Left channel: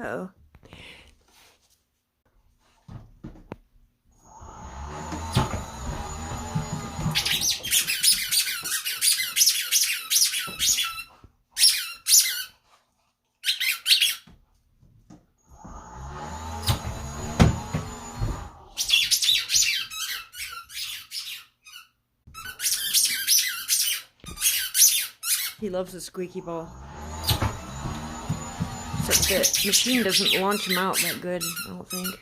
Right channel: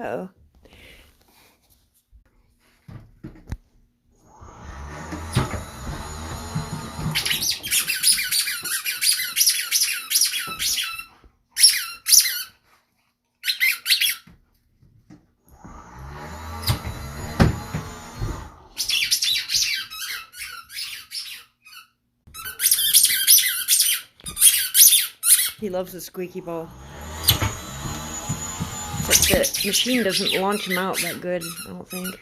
Uh-oh. He loves the squeaky ball. Except the machine doesn't launch him out that good, I don't think.